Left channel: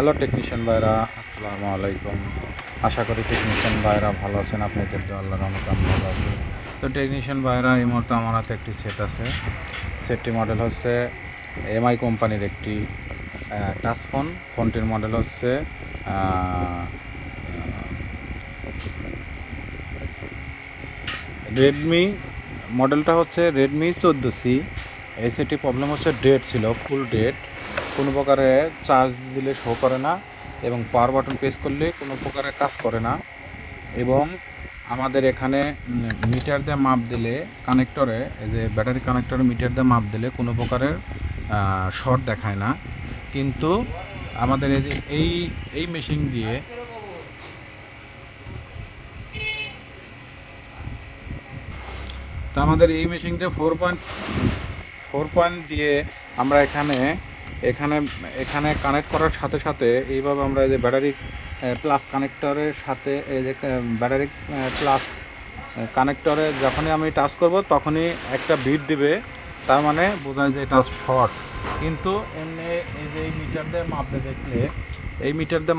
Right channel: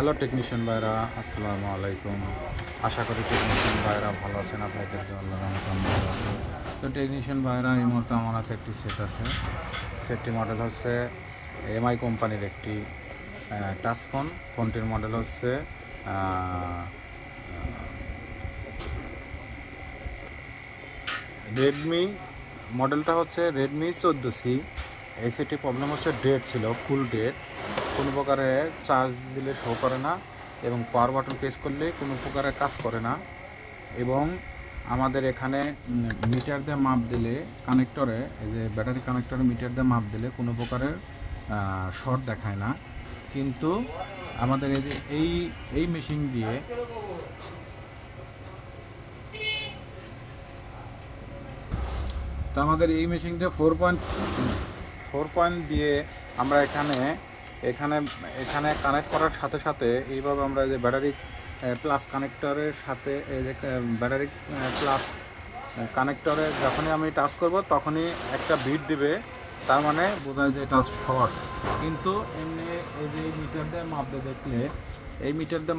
Hello technician ভাইরা, আসসালামু আলাইকুম। আশা করি টেকনিশিয়ান ভাইরা ভালো আছেন। আপনাদেরকে আল্লাহর রহমতে আমি ভালো আছি। তো টেকনিশিয়ান ভাইরা, এই মুহূর্তে আমার হাতে একটি সেট আছে। সেটটি মডেল হচ্ছে এমআই কোম্পানির একটি টাচ ফোন। ফোনটির মডেল হচ্ছে রেডমি, মডেলটা হচ্ছে রেডমি 14C। এই সেটটি প্রবলেম হচ্ছে ডেড ছিল, ফুল ডেড। কোনো প্রকারে চার্জ দিলে শো করে না এবং পাওয়ার বাটন প্রেস করলে কোনো প্রকারে কাজ করে না। এবং আমাদের এখানে মিটার দিয়ে মাপ দিলে কানেক্টরে, এই যে ব্যাটারি কানেক্টরে মিটার দিয়ে মাপ দিলে কোনো প্রকারের শর্ট দেখায় না। কিন্তু আমাদের এই যে এই মেশিন দিয়ে আমাদের এই মেশিনটা 4 পয়েন্ট দিয়ে আমরা এখানে কানেক্ট করার সাথে সাথে এইভাবে আমরা এই যে ব্যাটারি প্লাস কানেক্টরের সাথে এই যে ব্যাটারি প্লাস কানেক্টরে যখনই আমি টাচ করব তখনই একটা বিট দিবে, তার মানে বোঝায় যে এটা শর্ট। কিন্তু এই যে মিটার দিয়ে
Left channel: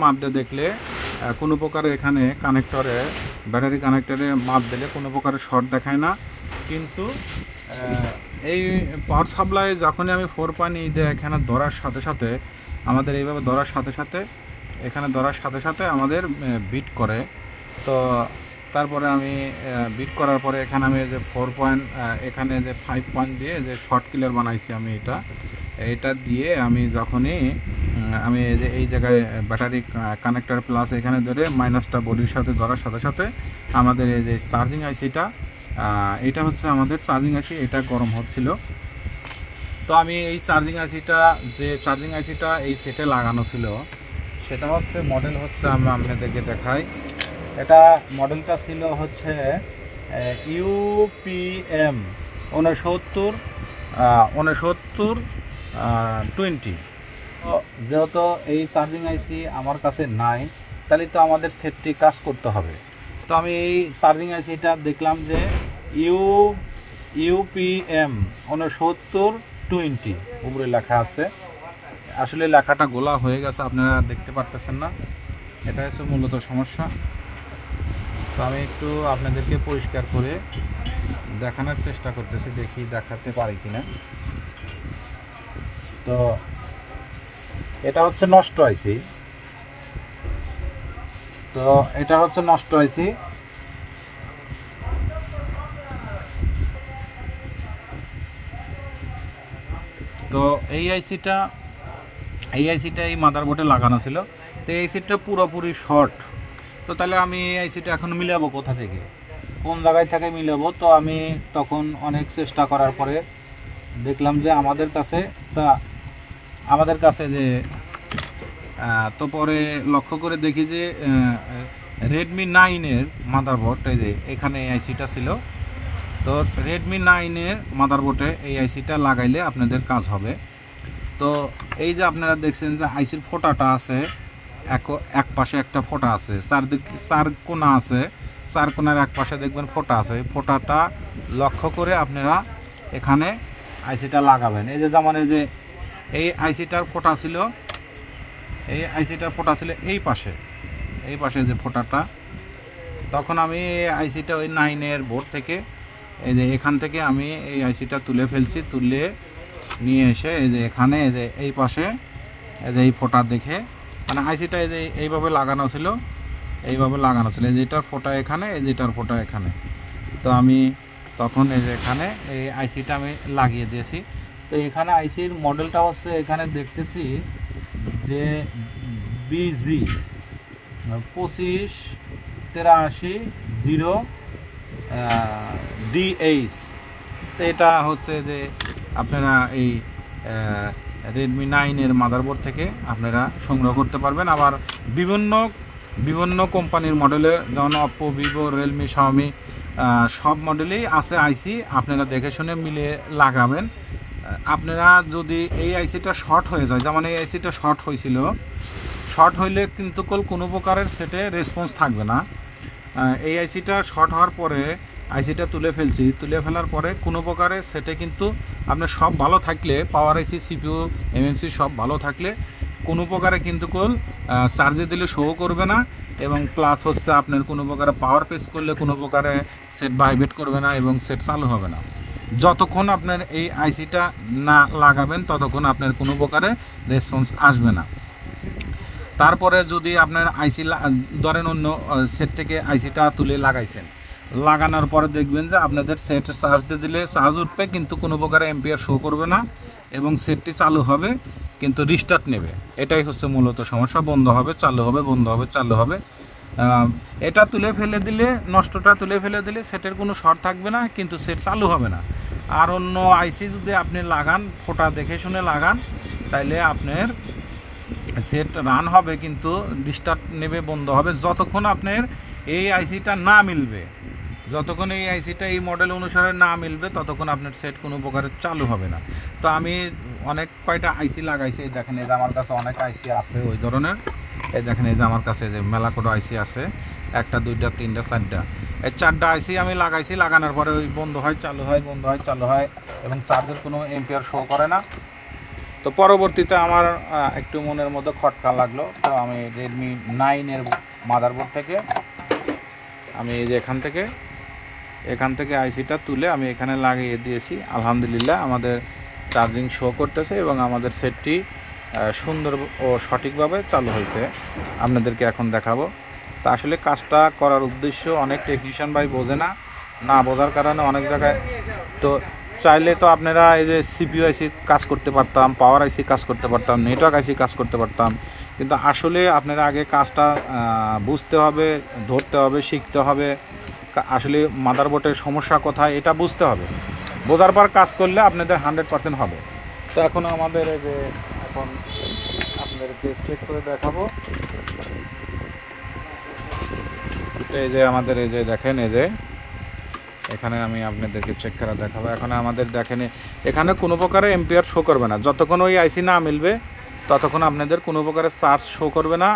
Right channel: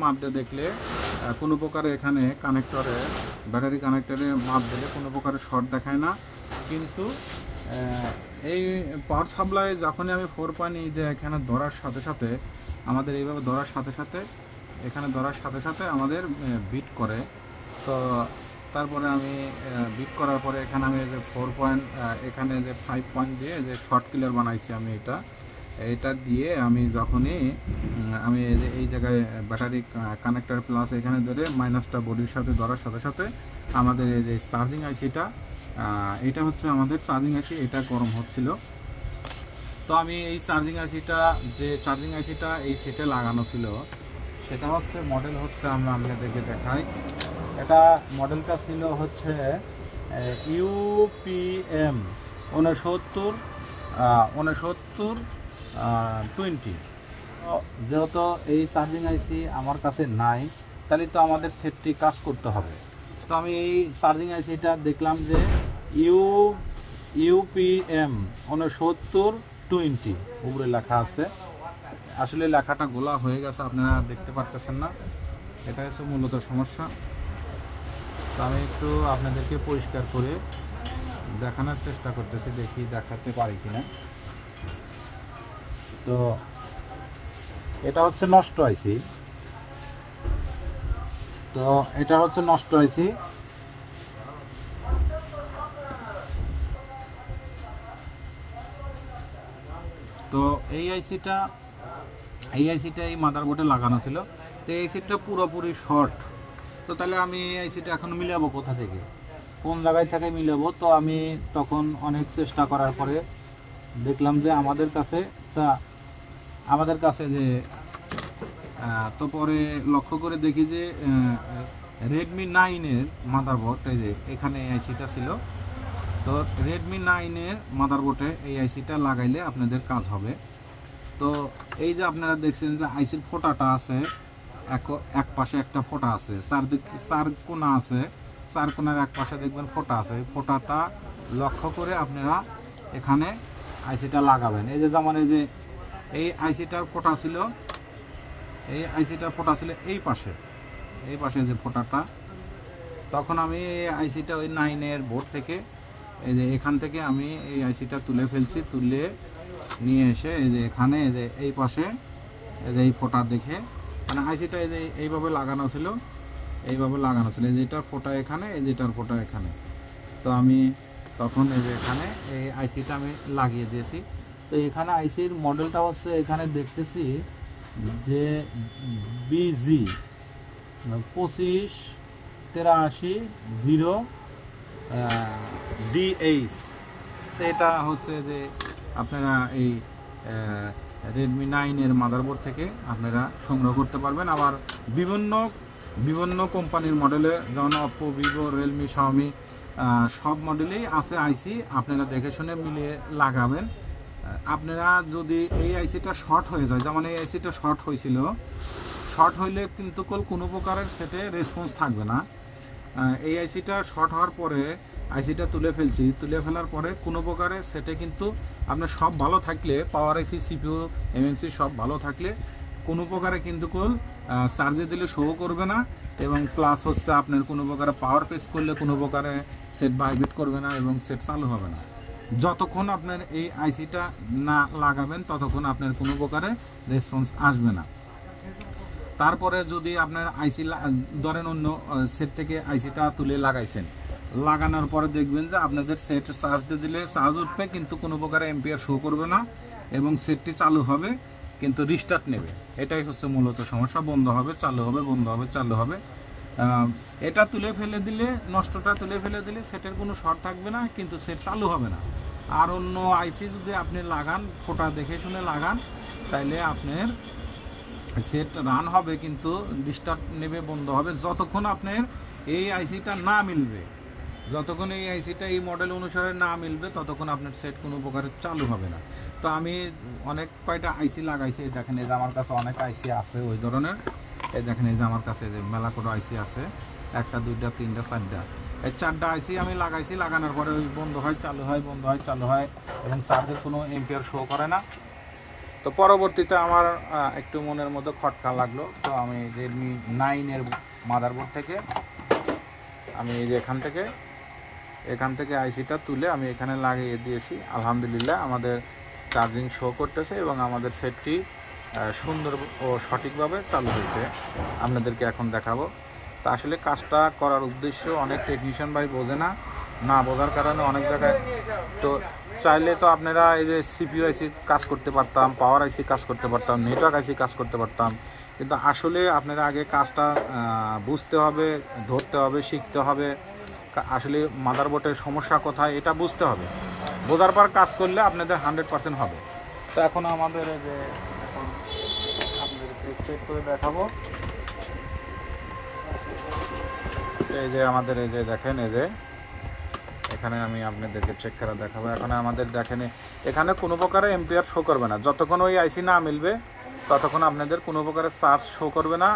মাপ দিয়ে দেখলে কোনো প্রকারে এখানে কানেক্টরে ব্যাটারি কানেক্টরে মাপ দিলে কোনো প্রকারের শর্ট দেখায় না। কিন্তু এই পাওয়ার সাপ্লাই যখনই আমি 4 পয়েন্ট দিয়ে এখানে ধরার সাথে সাথে আমাদের এইভাবে ধরার সাথে সাথে আমাদের বিট করে। তো তারপরে আমি বিট করার পরে এখানে আমি যে 4 পয়েন্ট এখানে যে 5 পয়েন্ট দিয়ে যে শর্ট কিলার বানাইছি আমি, এটা দিয়ে আমি যখনই আমি এই জায়গায় ব্যাটারি কানেক্টর প্লাস এখানে ধরে মাইনাসটা বডির সাথে ধরার সাথে সাথে আমাদের এই যে চার্জিং আইসিটা, এটা হচ্ছে আমাদের চার্জিং আইসি, এটা গরম হচ্ছিল। তো আমি এই চার্জিং আইসিটা এই সেটে লাগানো ছিল, সেটা হচ্ছে মডেল হচ্ছে আমরা আপনাদেরকে দেখাই। এটা মডেলটা ছিল হচ্ছে UPM 6920। যেহেতু এই চার্জিং আইসি আমার কাছে নাই, তাহলে তো আমাদের সেটটি কাজ করতে হবে। তো আমি এই চার্জিং আইসিটা দেখলাম যে UPM 6920 উপরে লেখা আছে। আসলে লেখাটা গোলা হয়ে গেছে, আপনারা দেখতে পারতেছেন না, এটা হচ্ছে মূলত সমস্যা। তো আমি একটু আপনাদেরকে পরিষ্কার করে দেখানোর চেষ্টা করতেছি, দেখি দেখাতে পারি কিনা। তো এটা হচ্ছে নষ্ট আইসি, তো এই আইসিটা এই মাদারবোর্ডে লাগানো ছিল। তো এই আইসিটা পুরোপুরি শর্ট। তো তাহলে আমি এই আইসিটা এখন মিলাবো কোথা থেকে, কোন জায়গায় থেকে মিলাবো? তো আমি তখন অনেক চেষ্টা করার পরে দেখলাম যে আমাদের কাছে যে তো পরে লক্ষ্য করে দেখি যে রেডমি 9-এর মাদারবোর্ড, এই যে এখানে এই আইসিটা ছিল। তো রেডমি 9-এর মাদারবোর্ডে এই আইসিটা লাগাইলে আপনাদের কাজ হবে। তো এই যে আপনারা দেখছেন যে আইসির ফোটাটা আছে, এক পাশে একটা ফোটা আছে, চার কোনা আছে, চার কোনার এক পাশে দেখবেন ফোটা আছে। ফোটাটা লক্ষ্য করে আপনারা এখানে আইসিটা লাগাবেন। এই যে যেমন এই আইসিটার ফোটা ছিল, এই পাশে যে ফোটাটা, তখন আমি আইসিটা ওই 9-এর বোর্ড থেকে এই যে এখান থেকে আমি এই আইসিটা তুলে ফেলছি, তুলে নিয়ে এসে এই যে এখানে এই পাশে এই ফোটা দেখে, মানে আইসিটা এইভাবে লাগানো ছিল, এই যে এটার ফোটা এখানে, এটার ফোটা এখানে। তো আমি তখন এই যে এখানে এই আইসিটা আমি লাগিয়ে দিয়েছি। তো এখানে আইসির মডেলটা হচ্ছে এখানে দেখতেছি যে BG 25800DH। তো এটা হচ্ছে যে আপনারা এই রেডমি 9-এর মাদারবোর্ড থেকে আপনারা সংগ্রহ করতে পারবেন। আবার বিভিন্ন কোম্পানির মডেলে, যেমন অপ্পো, ভিভো, রিয়েলমি, শাওমি, সব মডেলেই আছে আইসি। আপনারা দেখে শুনে মিলিয়ে লাগাবেন। আপনারা যদি এই আইসিটা শর্ট হয়ে যায়, যেমন এই আইসিটা শর্ট হয়েছিল, শর্ট হইলে কিন্তু কোনো প্রকারের সেটে রেসপন্স থাকবে না। এই আইসিটা শর্ট হওয়ার পরে আইসিটা তুলে ফেলার পরে কোনো প্রকারের সেটে কিন্তু আপনার সব ভালো থাকলে, পাওয়ার আইসি, CPU, MMC সব ভালো থাকলে কোনো প্রকারে কিন্তু চার্জে দিলে শো করবে না, এবং প্লাস হচ্ছে আপনার কোনো প্রকারে পাওয়ার প্রেস করলে কোনো প্রকারে সেট ভাইব্রেট করবে না এবং সেট চালু হবে না। যতক্ষণ আপনার এই আইসিটা না লাগাবেন ততক্ষণ আপনার কোনো প্রকারে রেসপন্স আসবে না। তারপরে যদি আপনার আইসি ধরেন অন্য সেট থেকে আইসিটা তুলে লাগাইছেন, লাগানোর পরে দেখবেন যে আপনাদের সেট চার্জ দিলে চার্জ উঠবে কিন্তু কোনো প্রকারে এম্পিয়ার শো করবে না এবং সেটটি চালু হবে কিন্তু রিস্টার্ট নেবে। এটাই হচ্ছে মূলত সমস্যা। বন্ধ হবে চালু হবে, বন্ধ হবে চালু হবে। এটা তুলে ফেলে দিলে, নষ্টটা তুলে ফেলে দিলে সেটের কোনো শর্ট থাকবে না কিন্তু সেট চালু হবে না। আর অন্য আইসি যদি আপনি লাগান, ফোটা দেখে শুনে লাগান, তাইলে আপনার সেট রান হবে কিন্তু ডিস্টার্ব নেবে, বন্ধ হবে। যতক্ষণ আপনার এই আইসিটা না মিলবে, যতক্ষণ এই আইসিটা এই মডেল অনুসারে না মিলবে ততক্ষণ আপনার সেট কোনো প্রকার চালু হবে না। তো আমি অনেক কয়টা আইসি লাগাইছি, এই দেখেন এই যে আমার কাছে অনেক আইসি আছে ওই ধরনের। এই দেখেন এই যে আমার কাছে যে মেলা করে আইসি আছে, 1টা 2টা 3টা 4টা, এই 4টা আইসি আমি লাগাইছি। লাগানোর পরে ওই বন্ধ হয় চালু হয়, বন্ধ হয় চালু হয় এবং চার্জের কোনো এম্পিয়ার শো করে না। তো পরবর্তীতে আমার একটু মনের মধ্যে খটকা লাগলো, তো আমি রেডমি 9-এর মাদারবোর্ড থেকে আমি এই যে এখান থেকে আইসিটা তুলে আমি এখানে লাগিয়ে দিয়েছি। আলহামদুলিল্লাহ আমাদের চার্জিং শো করতেছে এবং আমাদের সেটটি সুন্দর ও সঠিকভাবে চালু হয়েছে। আপনাদেরকে এখন দেখাবো। তা আসলে কাজটা করার উদ্দেশ্য অনেক টেকনিশিয়ান ভাই বোঝে না বোঝার কারণে অনেক জায়গায়, তো চাইলে তো আপনারা এই যে সিপিইউ আইসি কাজ করতে পারতাম, পাওয়ার আইসি কাজ করতে পারতাম, নেটওয়ার্ক আইসি কাজ করতে পারতাম, কিন্তু আসলে আপনারা আগে কাজটা বুঝতে হবে, ধরতে হবে, শিখতে হবে। আসলে মাদারবোর্ডের সমস্যা কোথায় এটা বুঝতে হবে, বোঝার পর কাজ করলে আপনাদের 100% হবে। তো এখন আমাদের এই যে এখন আপনাদেরকে চেক করে দেখাবো। এই যে আমাদের এই যে দেখেন, এই যে এখানে আমি আপনাদেরকে চেক করা দেখাবো। এখন আমাদের দেখেন এখানে কোনো প্রকারে এম্পিয়ার শো করবে না, যতক্ষণ ওই আইসি না মিলবে ততক্ষণ আপনাদের কোনো প্রকারে চার্জ শো করবে না।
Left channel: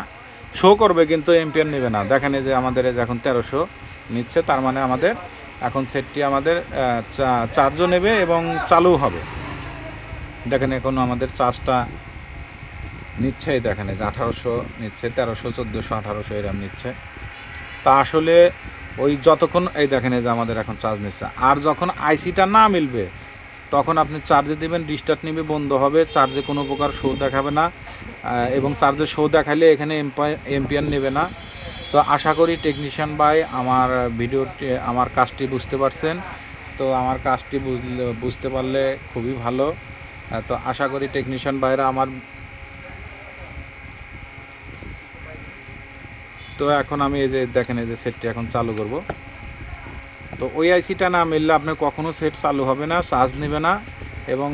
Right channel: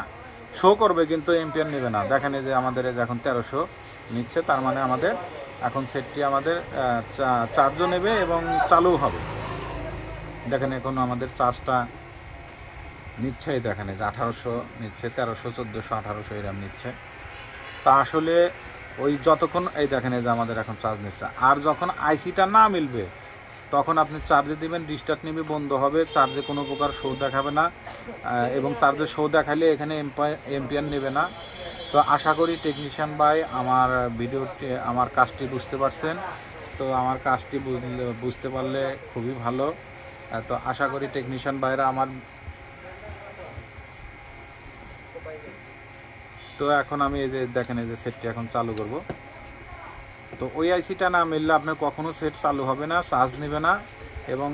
শো করবে কিন্তু এম্পিয়ার নেবে না। দেখেন এই যে আমাদের এখন 1300 নিচ্ছে, তার মানে আমাদের এখন সেটটি আমাদের চার্জও নেবে এবং চালু হবে। দেখেন এখন আমাদের চার্জটা নিচ্ছে, দেখেন এই যে 1800 নিচ্ছে, 1300 1400 1800 এরকম নিচ্ছে। তা আসলে ওই যতক্ষণ এই দেখেন এই যে আমাদের এখন চার্জ নিচ্ছে, আর যখন আইসিটা না মিলবে তখন আপনি চার্জে দেবেন, রিস্টার্ট নেবে, বন্ধ হবে, চার্জে কোনো প্রকার শো দেখাবে না এবং চার্জে শো দেখালে এখানে এম্পিয়ার নেবে না। তো আশা করি টেকনিশিয়ান ভাই আমার ভিডিওটি, আমার কাজটি বুঝতে পারছেন। তো আমার কাজটি বুঝতে পারলে খুবই ভালো। তো আশা করি টেকনিশিয়ান ভাইরা আমার, তো এখন আমি এই যে দেখেন এই যে সেটটি এখন চালু করব। তো ওই আইসিটা না মিললে আপনার কখনো সেট চালু হবে না, চার্জ নেবে না এবং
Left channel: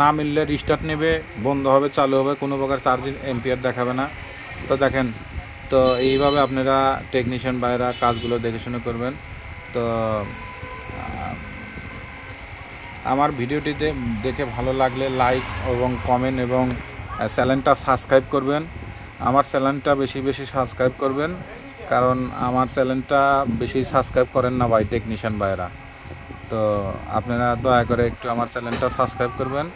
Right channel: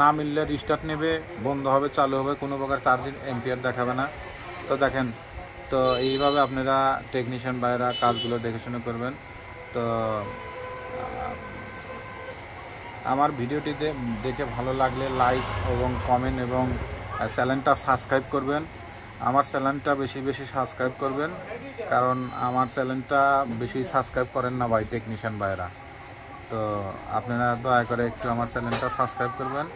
না মিললে রিস্টার্ট নেবে, বন্ধ হবে চালু হবে, কোনো প্রকার চার্জিং এম্পিয়ার দেখাবে না। তো দেখেন, তো এইভাবে আপনারা টেকনিশিয়ান ভাইরা কাজগুলো দেখে শুনে করবেন। তো আমার ভিডিওটি দেখে ভালো লাগলে লাইক এবং কমেন্ট এবং চ্যানেলটা সাবস্ক্রাইব করবেন। আমার চ্যানেলটা বেশি বেশি সাবস্ক্রাইব করবেন, কারণ আমার চ্যানেলটা বেশি সাবস্ক্রাইব করেন না ভাই টেকনিশিয়ান ভাইরা। তো আপনারা দয়া করে একটু আমার চ্যানেলটা সাবস্ক্রাইব করবেন।